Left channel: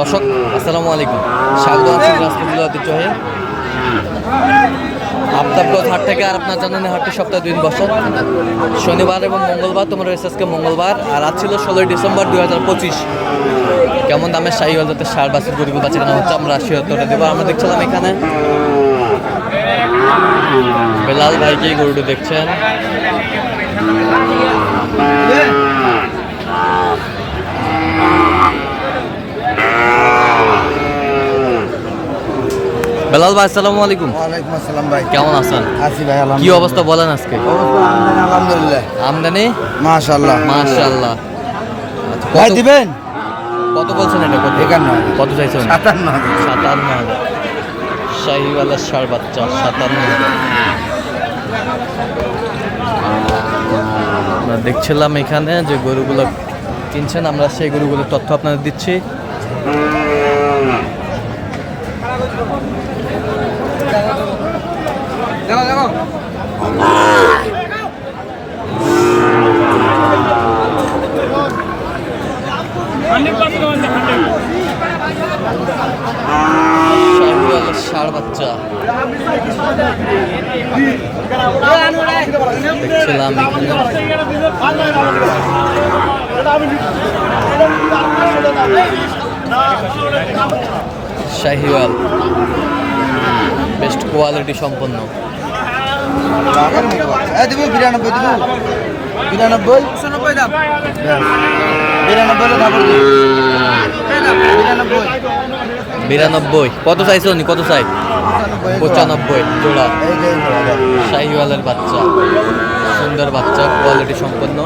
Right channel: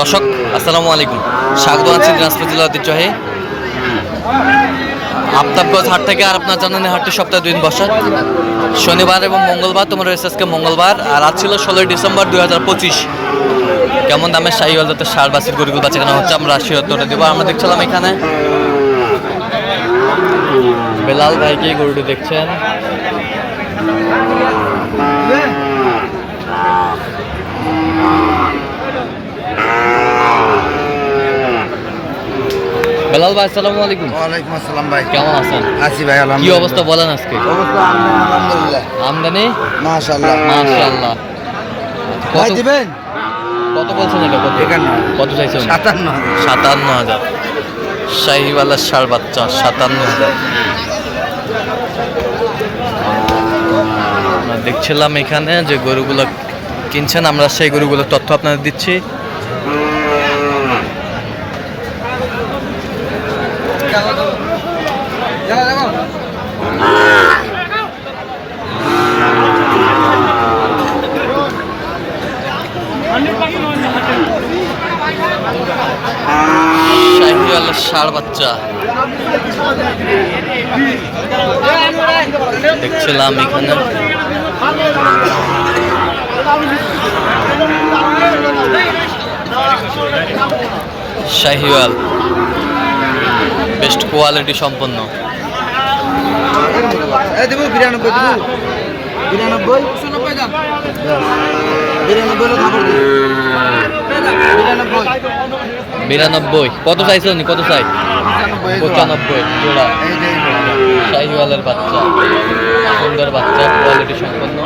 দর্শক আসসালামু আলাইকুম, স্বাগত আছি দিনাজপুর জেলা ঐতিহ্যবাহী আফতাবগঞ্জ হাট থেকে। আর আপনার জানেন হাটটি সপ্তাহে 2 দিন বসে, শনিবার এবং মঙ্গলবার। তোমরা রয়েছে আজকে মঙ্গলবার, আর আজ ছিল 16 ডিসেম্বর 2025। কেমন দামের শাহিওয়াল জাতের সার বাছুর গরুগুলো বাচ্চা কেনা হচ্ছে আমরা রাশি উত্তরটা দেবো। আমরা দেখছিলাম এখানে বেলাল ভাইকে গরুটি দেখছেন। বেলাল ভাই আসসালামু আলাইকুম। ওয়ালাইকুম আসসালাম ভাই, কেমন আছেন? আছি ভাই কি আলহামদুলিল্লাহ। অবস্থা বলেন আজকে? অবস্থা আলহামদুলিল্লাহ, আমদানি মাশাআল্লাহ মাশাআল্লাহ। ভাই দিবেন কত বলছেন এটা? কত 51 কত চাইছেন? 57 57,000। শাহিওয়ালের ষাঁড় বাচ্চা 57,000। আমরা দেখছিলাম এখানে যে গরুগুলো কিনছেন, আমরা সেই গরুগুলোর তথ্য আপনাদের দিচ্ছি। শাহিওয়ালের ষাঁড় বাচ্চা দেখছিলাম এখানে। শাহিওয়াল বেস্ট কোয়ালিটি সম্পন্ন। এই দিব 92 দিব 92 90 দাম 92 এর দাম 92। কত চাইছো নি? কত চাই? 95 জোড়া। শাহিওয়ালের বাচ্চা, সুন্দর বাচ্চা, কোয়ালিটি সম্পন্ন।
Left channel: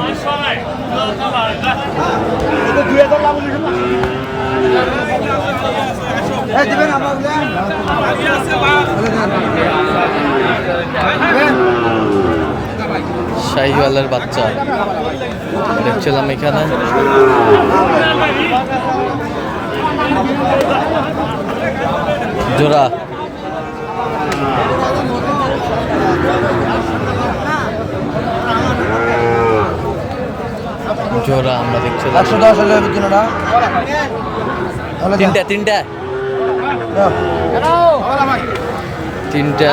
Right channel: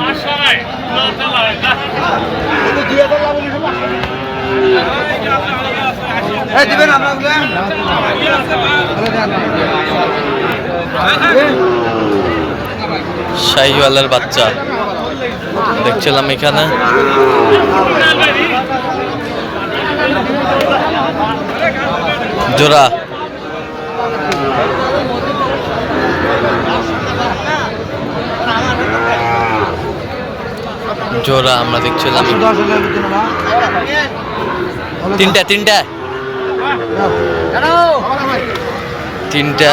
এই দিবেন আমরা শাহিওয়ালের বাচ্চা দেখছিলাম এখানে। জোড়া জোড়া আমরা দেখছিলাম। তিনটা তিনটা তিনটা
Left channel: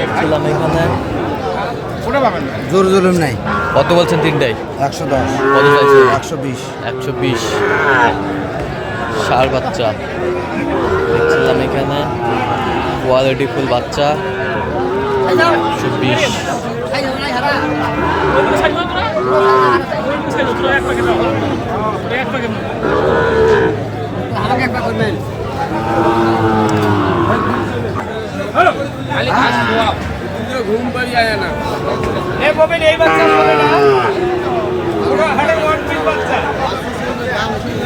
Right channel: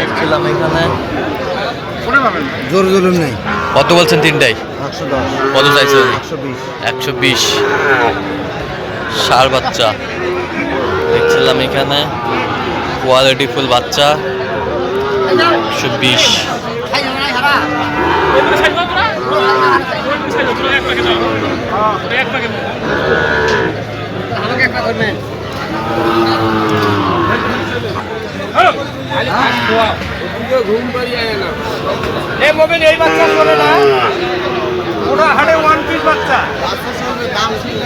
দেখছিলাম এখানে। জোর জুলুম নাই। কত বলছেন? তিনটাই 110 কত চাইছেন? 120 120। ষাঁড় বাচ্চা দেখছিলাম এখানে, কোয়ালিটি ফুল বাচ্চা 120। ঘুম পাড়ি আয় না এই মোবাইল এই বাচ্চা চলে না ওরা হাড়ে ওয়ান পিস বাচ্চা দাম ছিল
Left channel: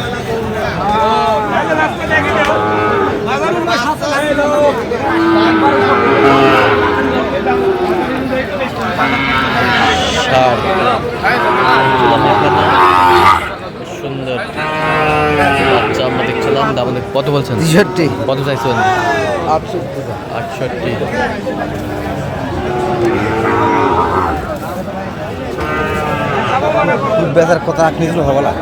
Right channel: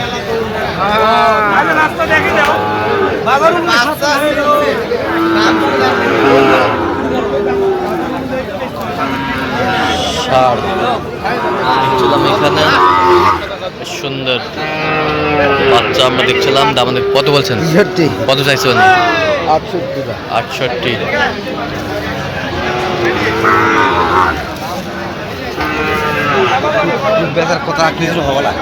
রাস্তা দেখে না বাগারুন না সস্তা হয়ে যাচ্ছে ষাঁড় দেখছিলাম এখানে, সুন্দর বাচ্চা আমরা দেখছিলাম। দাম কত বলছেন? 66 কত চাইছেন? 68 68। বেচার কথা কিছু হবে না।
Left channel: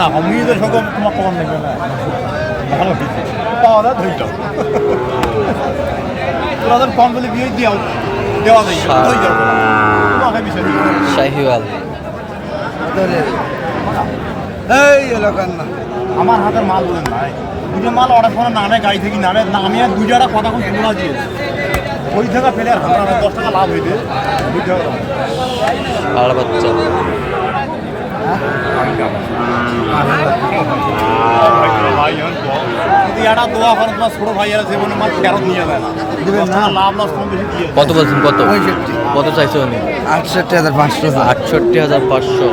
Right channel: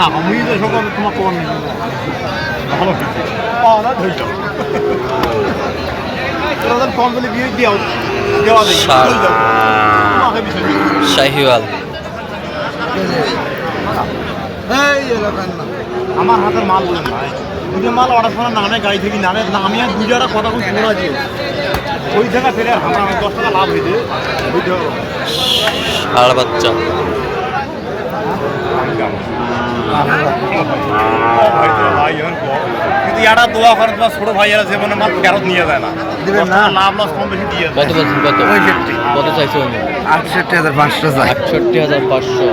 না আমি তো সকল তোমার খবর নেই পাওয়া যায় ধৈর্য কম দিলে বিয়ে দিও দেওয়া শাহিওয়াল এই এলাকার না আমার হাতের মাল বলুন ভাই, দুটো মাল অর্ডার করার নামে গাড়ি থেকে নামে আমি আর দুইটা কথা খুব শোনা দিয়ে ওই থেকে ফেরে আমার 10 টাকা লাভ হইতে বুঝো। ষাঁড় বাচ্চা কিন্তু এটা দোয়া করে তোমার ছোট ভাইয়েরা জীবনে মাল ফেরত নিয়ে যায় না, লাভ লস কম বেশি দিয়ে। কত বলছেন? কত কত চাইছেন? 68,500 68,500।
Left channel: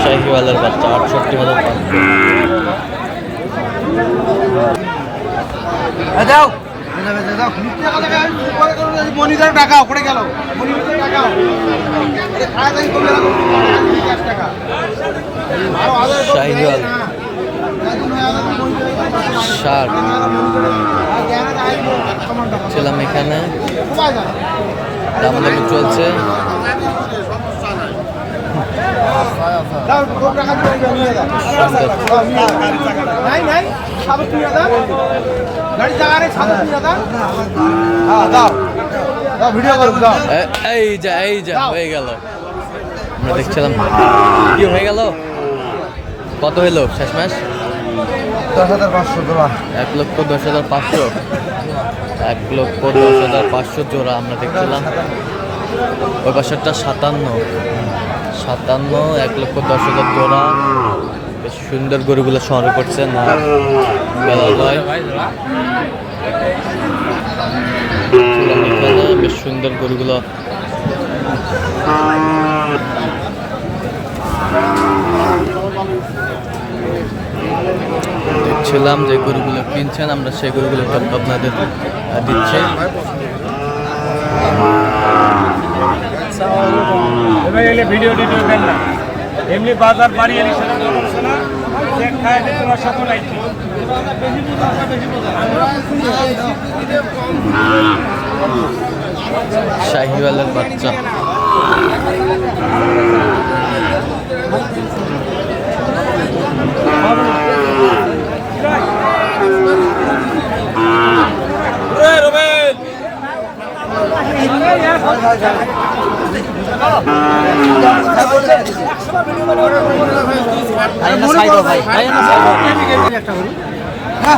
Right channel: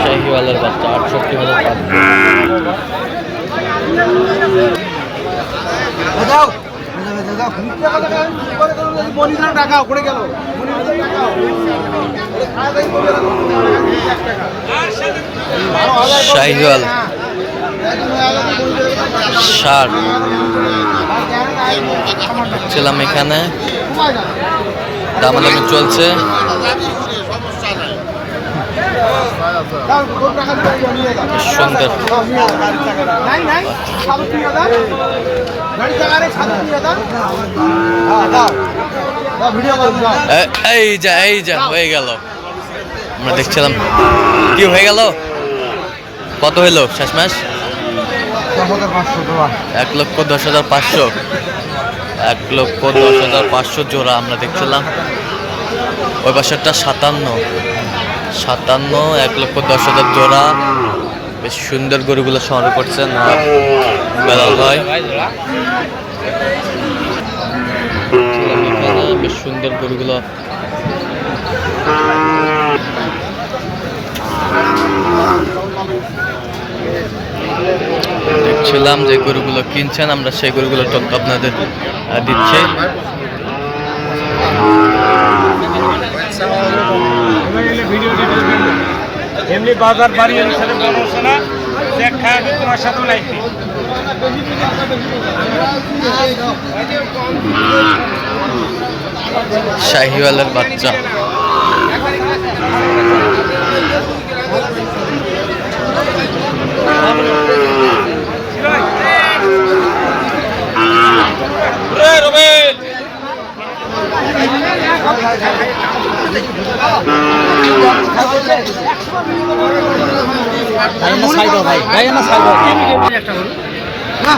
শাহিওয়ালের বাচ্চা 68,500। যাও মনিটর টাকা পড়ে গেল। শাহিওয়াল ষাঁড় ছিলাম এখানে, দামাদামি চলছে। সুন্দর এই যা হয়ে গেল। আমরা দেখছিলাম কি হয়ে গেল, কত হইলো শেষমেশ? 1,10,500। 1,10,500 জোড়া আমরা দেখছিলাম। ওই পাশেরটা 57, 1,10,000 জোড়া। বেশ সুন্দর গরুগুলো সংগ্রহ করছেন আর বেলাল ভাই এখানে বেশ সুন্দর গরুগুলো। দেখছিলাম যে গরুগুলো কিনছেন, আমরা সেই গরুগুলোর তথ্য আপনাদের দিচ্ছি। ভিডিও না এমনি বাজার বাড়িয়ে না চেক খাবে তোমার সাথে লাগবে। শাহিওয়ালের বাচ্চা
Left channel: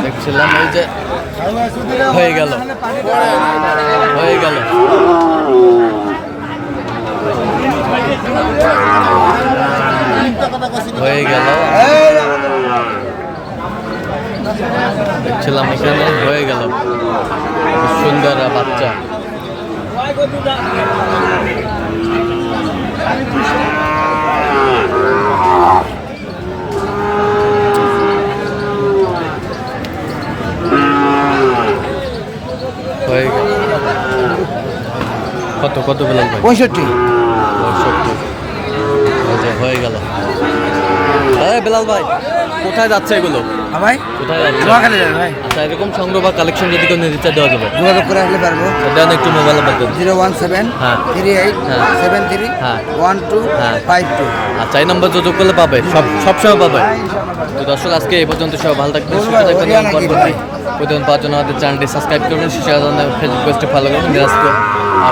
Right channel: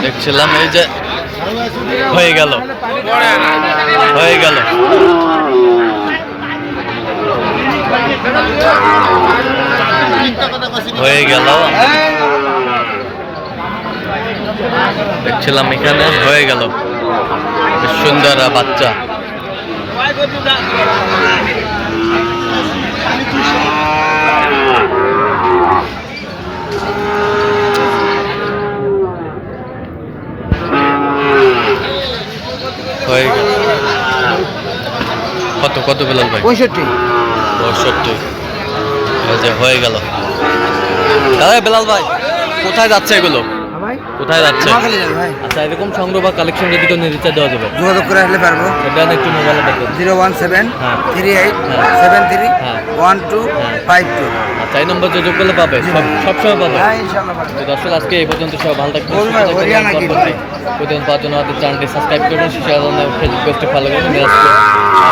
দেখছিলাম, এই যে হয়ে গেল দেখছিলাম এখানে হয়ে গেল বেশ সুন্দর বাচ্চা। হয়ে গেল কত বেলাল ভাই? 65। এই যে হয়ে গেল। দাদা বেলাল ভাই কোথায় যাচ্ছে এগুলো? কোথায় যাচ্ছে? আচ্ছা, এরকম সংগ্রহ বা কালেকশন যদি কেউ নিতে চায় দেওয়া যাবে? যোগাযোগ করে আসলে পারবো। সেটা একটু মোবাইলে বলবেন। 01738731252। আচ্ছা, এই নম্বর যোগাযোগ করলে পাবে, সবসময় পাবে। তো দর্শক, আজকে এই পর্যন্ত সবাই ভালো থাকবেন, সুস্থ থাকবেন। প্রতিদিন পাওয়ার জন্য আমাদের চ্যানেলটি সাবস্ক্রাইব করবেন, ফেসবুক পেজটি ফলো করবেন। দিনাজপুর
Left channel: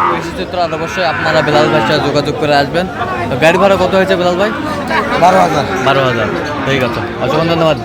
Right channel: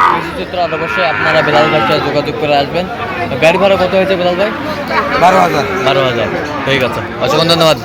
কৃষি চিত্র আর অবশ্যই আপনারা বেলাল ভাইয়ের সাথে যোগাযোগ করে আসবেন। গাড়ি ভাড়া কত হয়েছে বেলাল ভাই? 12,000। 12,000। ঠিক আছে, অসংখ্য ধন্যবাদ।